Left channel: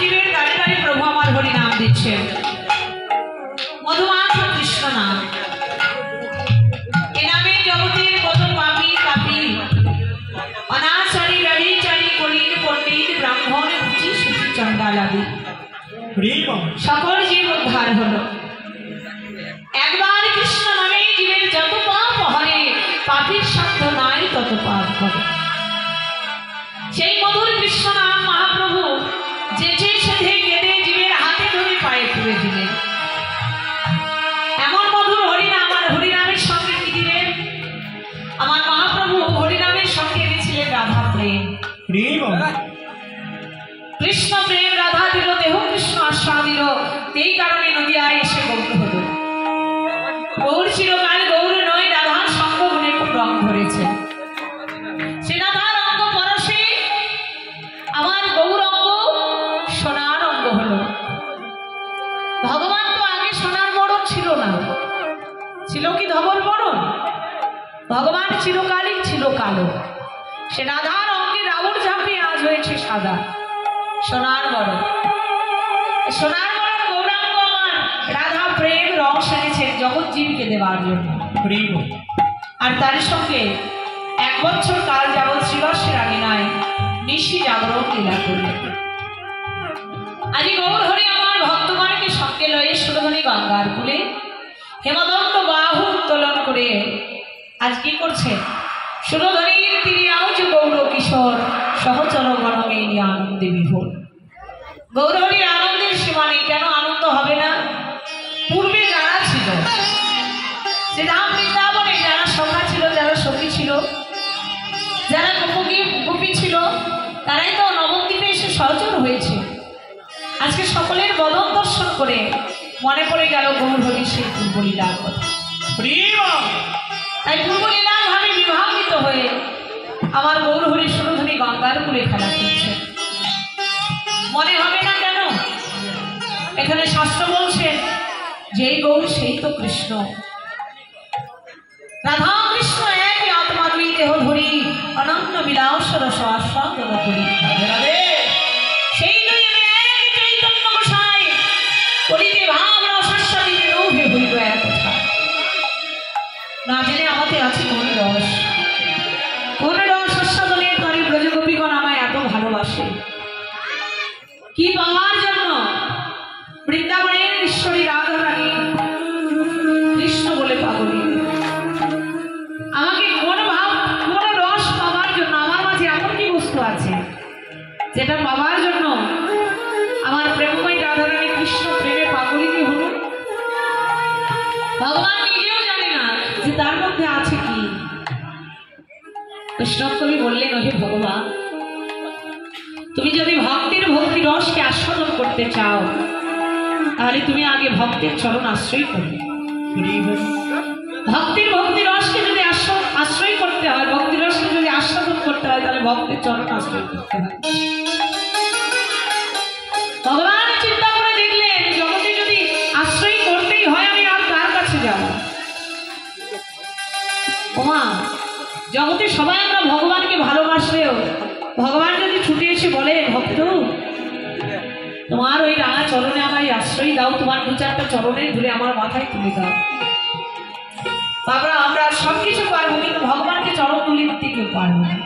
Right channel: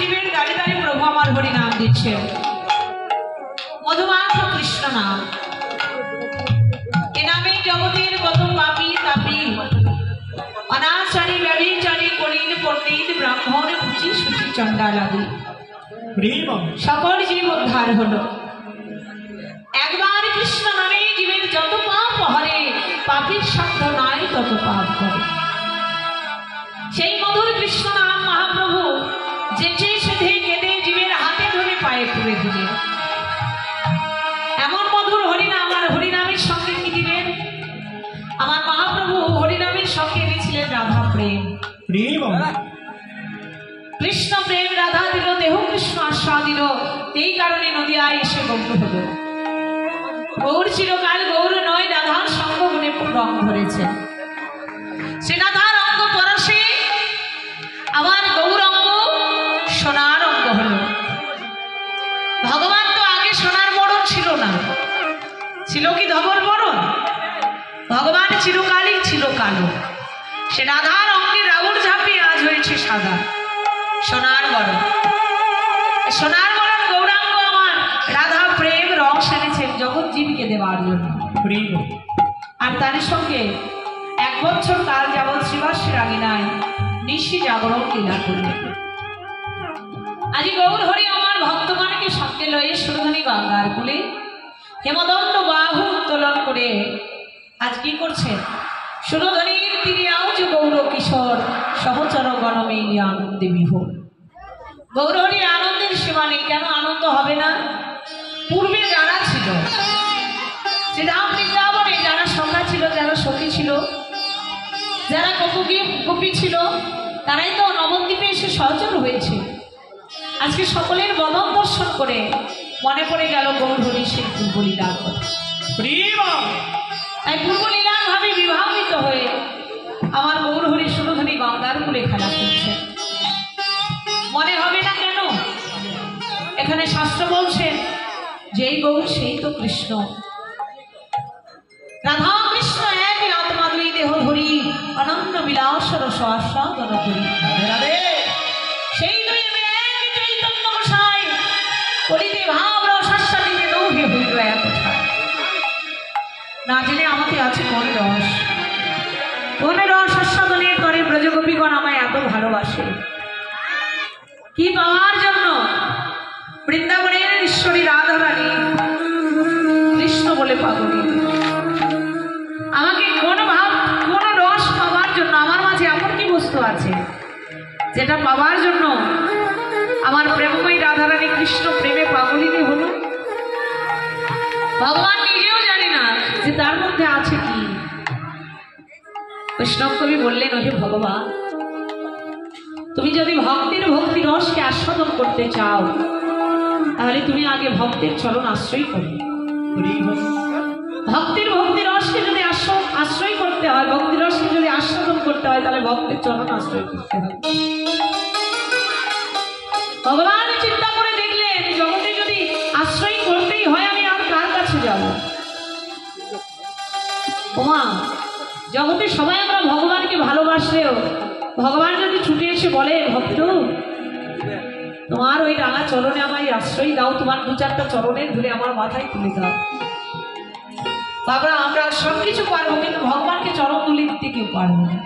জীবের দাঁড়ে দাঁড়ে প্রভু আমার হরি নাম দিচ্ছেন। মধুমাখ কৃষ্ণ নাম, এ নামে জগতের কত পাপী তাপী অনাচারী ব্যভিচারী কলিন পণ্ডিত ব্রাহ্মণ কুচি সুচি চণ্ডালাদি সকল জীব উদ্ধার হলো। একবার কৃষ্ণ নামে জীবের যত পাপ হরে, পাপীর সাধ্য নাই তত পাপ করে। সেই মধুর কৃষ্ণ নাম মহাপ্রভু যেচে সেধে কেঁদে জীবের হাতে ধরে পায়ে তুলে দিলেন। এমন মধুর হরিনাম, আর হরিনামের সঙ্গে কি দিলেন? আমার মহাপ্রভু হরিনামের সঙ্গে এনেছিলেন রাধা প্রেম। কৃষ্ণ প্রেম রাধা দিল, দেহ কৃষ্ণ আশ্রয় দিল। এই কারণে নদিয়ায় এসে গৌর হল। গৌর চিরকাল গৌর নয়, রাধার সঙ্গ গুণে রং ধরেছে। সে রাধার অঙ্গ পরশে আমার গৌরঙ্গ সোনার অঙ্গ হলো। ভগবান তো আগে সোনার বরণ ছিল না, ছিল কি ধবল বরণ? ভগবান চিরকালই ছিল কালো। সে রাধার অঙ্গে রাবণ ঝাঁপিয়ে আজ হয়েছে সাদা সোনার বরণ। সোনার বরণ গৌরাঙ্গ আমার রাধা প্রেম রং সেরেছেন জগৎ জীবকে দেওয়ার জন্য। আর তার সঙ্গে 1 বছর কাল যাবৎ শ্রীবাসের আঙিনায় নিশি জাগরণ লীলা করলেন। আজি গৌর হরি আমার ভক্তগণকে সঙ্গে লয়ে সুরধনী গঙ্গার কূলে হেমদণ্ড বাহু উত্তোলন করে আজ কি করছে? সুরধনীর তীরে আজ গৌর কিশোর সহচর গণমে নিয়ে আনন্দে বিভোর। গৌর হরির আনন্দের সীমা নেই। কেন আনন্দ হবে না? পূর্বে যারা ছিল, যে রাম বৃন্দাবনে যারা সখা ছিল, যারা সখী ছিল, যারা গোপী ছিল, তারাই তো নবদ্বীপে এসে সহচর হয়েছে। আজকে সকলের বদন দর্শন করে মনে পড়ে গেল গৌর হরি সেই পূর্বলীলার কথা। তাই পূর্বলীলার ভাবে বিভাবিত হয়ে আমার গৌর হরি সুরধনী গঙ্গার কূলে খেলা করছে। মনে হবে না কেন? এখানে শাস্ত্র বলছে যেই গৌর সেই তো কৃষ্ণ। রাধা কৃষ্ণ একই আত্মা, দুই দেহ ধরি অনন্য বিলাস রস আস্বাদন করি। সেই দুই এক চৈতন্য গোসাই কলিতে ভাব রস আস্বাদিতে নৌহে হইল এক কোথায়। না জেনে আমাদের আছে কোন রস, কোন রস আস্বাদনের করে ব্রজগোপীগণ আমায় এত ভালোবাসে। কি পাওয়ার জন্য? বৃন্দাবনের ঈশ্বরী রাধা রানী কৃষ্ণ বলে পাগলী। আমাকে কোন রস পাওয়ার জন্য? আমার মাঝে এমন কি বস্তু আছে যেটা পাওয়ার জন্য আমার প্রেমময়ী রাধা রানী কৃষ্ণ প্রেমে পাগলিনী হলো? ভগবান নিজেও জানে না যে তার মধ্যে আছে কি। বৈষ্ণব কবি বললেন, ওহে ভগবান, তুমি যদি ভক্তির ভক্তি রসকে আস্বাদন করতে চাও তাহলে তুমি আগে ভক্তের চরণ আশ্রয় করবে। ভক্তির ভক্তি রসকে যদি আশ্রয় করতে হয়, ভক্তি রসকে যদি আস্বাদন করতে হয়, তাহলে ভক্তের চরণ আশ্রয় করতে হয়। ভগবান চিন্তা করে দেখলেন জগতে যদি আশ্রয় করতেই হয় আমি আর কার কাছে যাব? ওমা, জগতে সবাই আমরা ভগবানকে ভালোবাসলেও ভগবান যদি ছুটে এসে বলে, ভক্ত তোমার ওই রাঙা চরণে আমায় আশ্রয় দাও, তোমার 2-4টা চরণে ধরে আমার মাথায় তুলে দাও, তারপর আমরা সবকিছু পারবো, কিন্তু ভগবানকে চরণ তুলে দিতে কেউ পারবো না।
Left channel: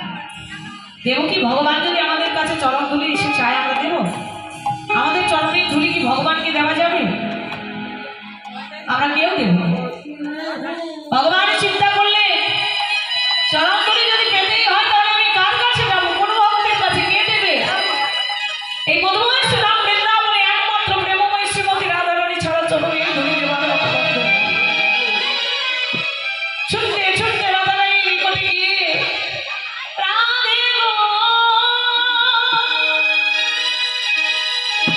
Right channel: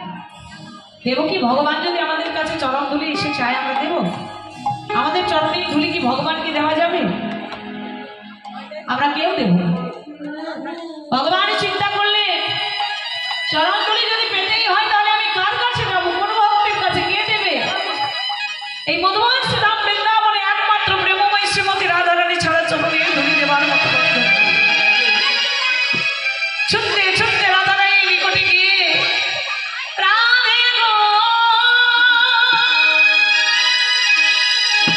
দেব কি? ভগবান যদি আমাদের কাছে চরণ তুলে এসে চায় আমরা দেব? আমাদের চরণের ধুলি কি ভগবানকে দেওয়া যাবে? আমরা কেউ দেব না। ভগবান চিন্তা করলে চরণ তুলি যদি পেতেই হয় তাহলে আমি কার কাছে যাবো? কোন ভক্তের কাছে? কে দেবে? এই মধুময় শ্রীরাম বৃন্দাবনে একমাত্র প্রেমময় শ্রীমতী রাধা রানী ছাড়া চরণে ধুলি দেবার মতো ছুটতে ছুটতে রাধা রানীর নিকটে গিয়ে, রাধে গো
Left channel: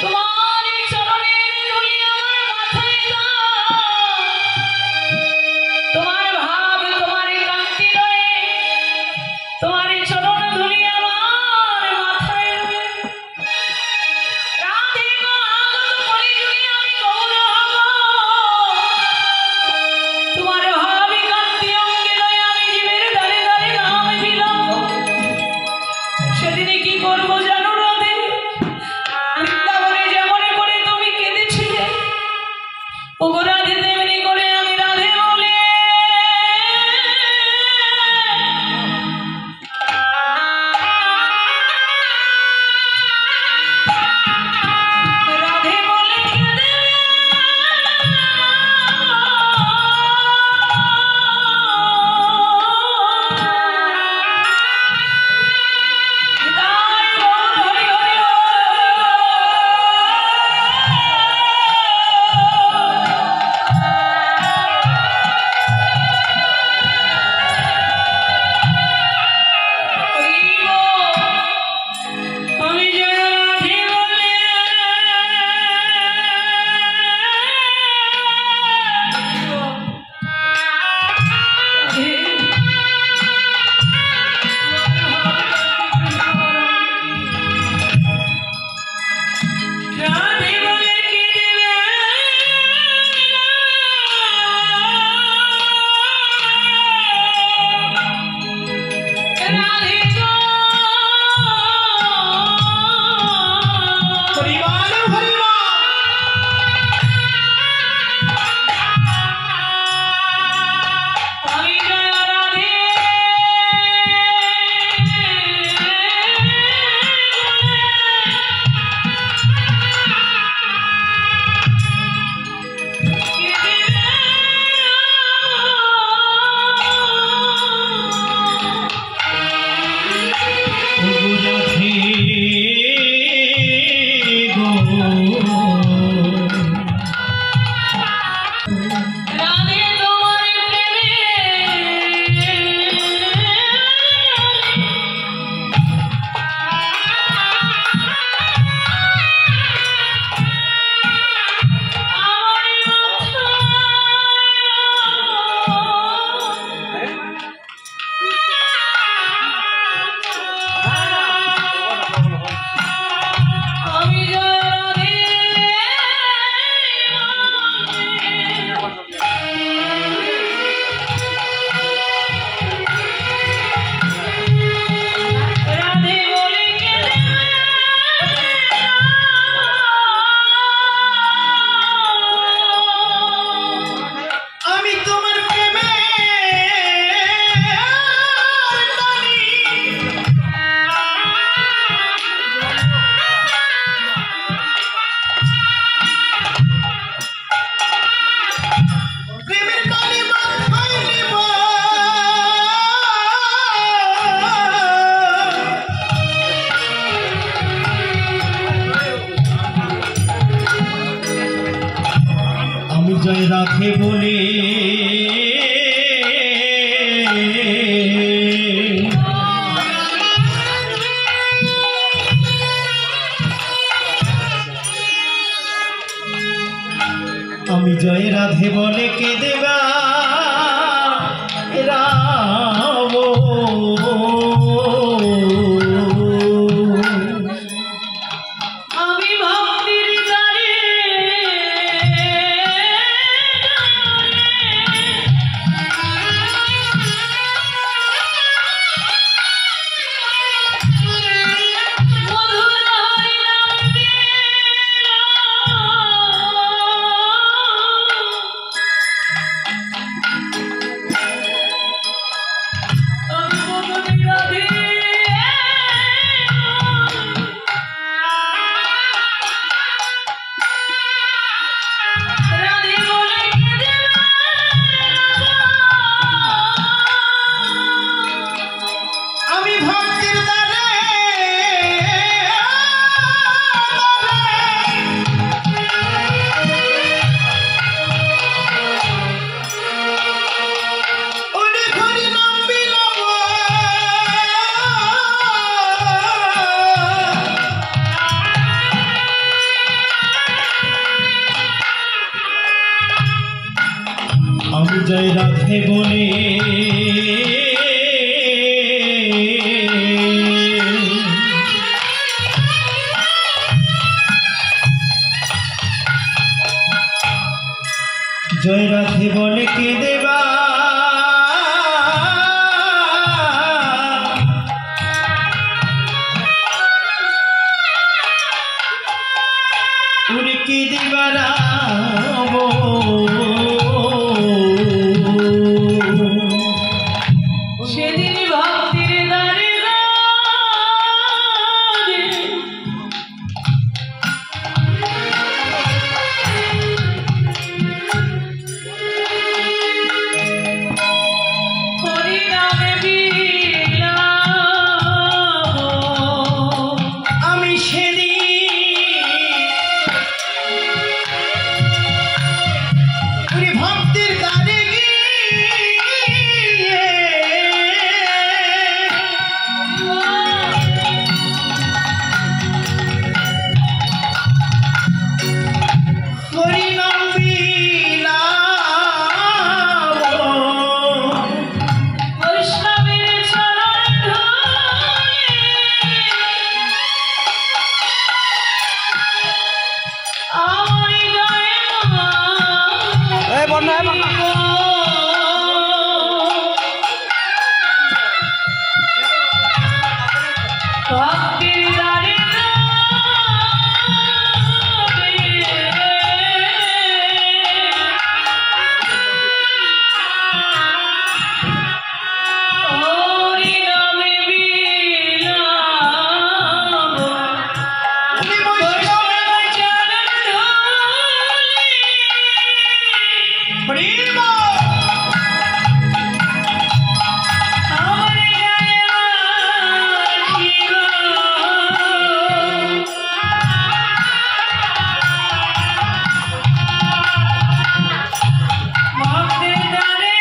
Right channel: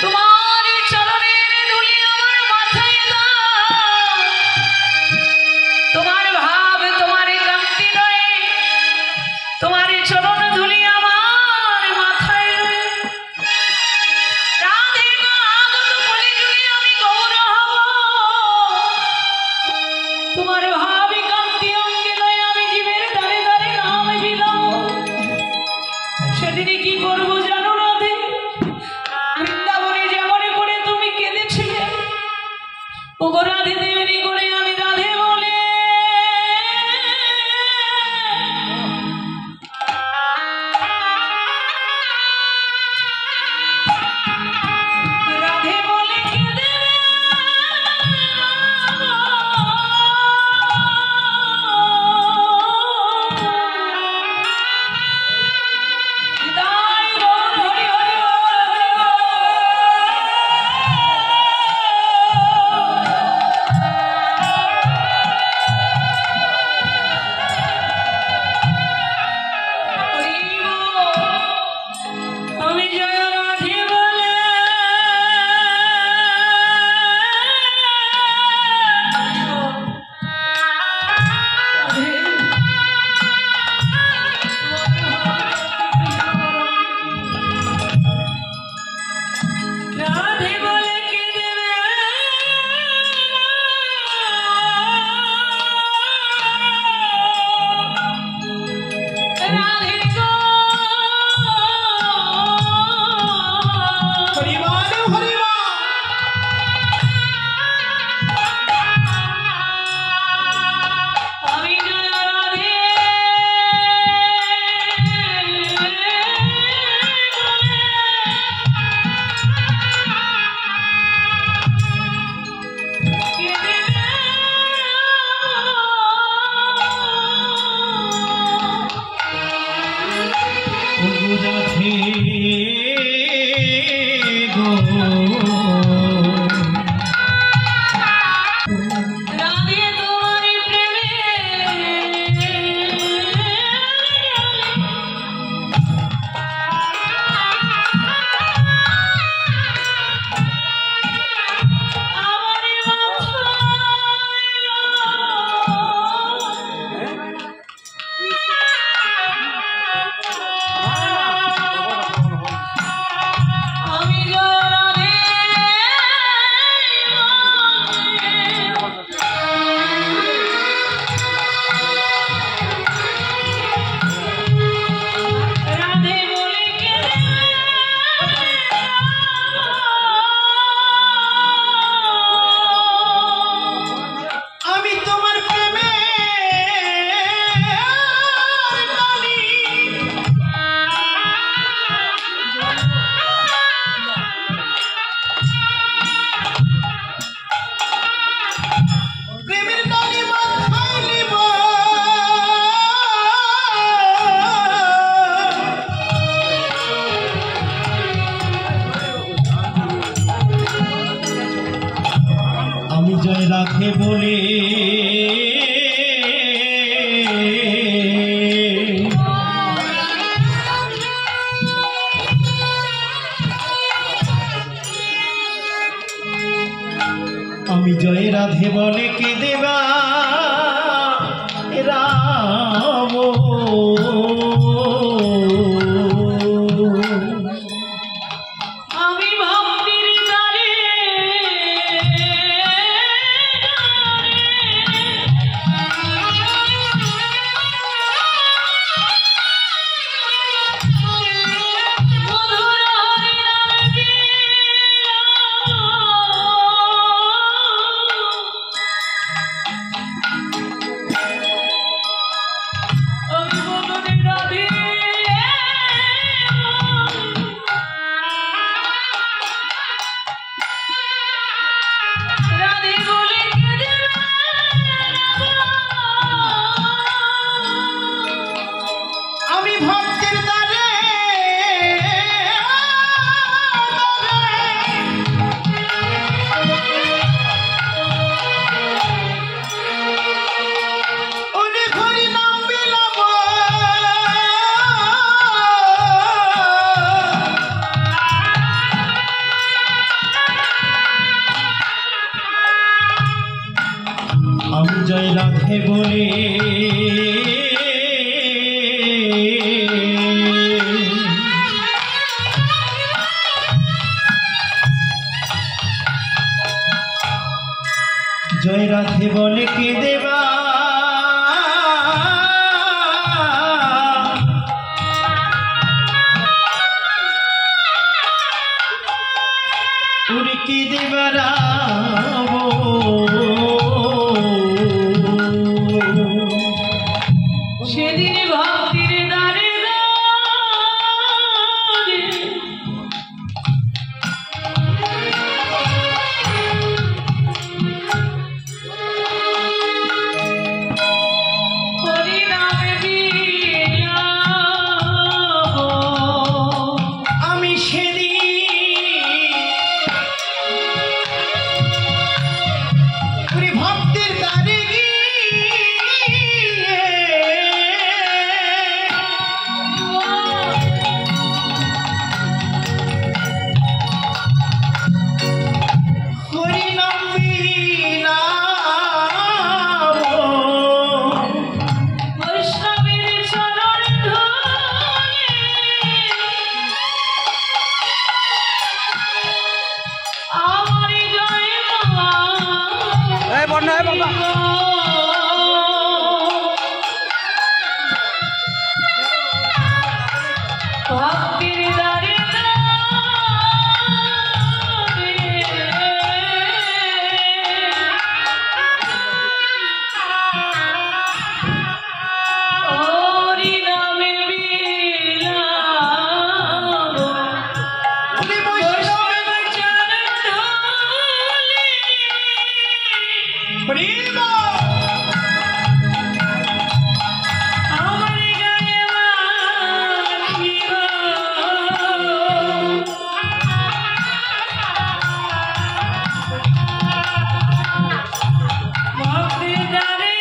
তোমার চরণের ধুলি আমার মাথায় দাও, তোমার ভাব তোমার কান্তি রয়ে, তোমার চরণ ধুলি আমার মাথায় রয়ে। রাধে গো আগত কলিযুগে আমি গৌর হব, তোমার ভাবি কান্তি অঙ্গে লয়ে আমি জীবের দ্বারে দ্বারে নাম বিলাম। সেদিনে কি করবো জানো রাধে? বৃন্দাবন রাখে বলে আমি জয় রাধে বলে কে দেবা রাম আমি জয় রাধে বলে জয় রাধে বলে কে দেবা উনি কে দেবা রাম সেদিন ভক্তির দ্বারে হরি নামে বিলাপ আমি সেদিন বর্ণ হয় বাবা। ভক্তির দ্বারে হরি নামে বিলাপ বৈষ্ণব চরণ ধূলি আমার গায়ে বাঁধিব ভক্তির দ্বারে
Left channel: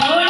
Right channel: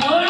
হরি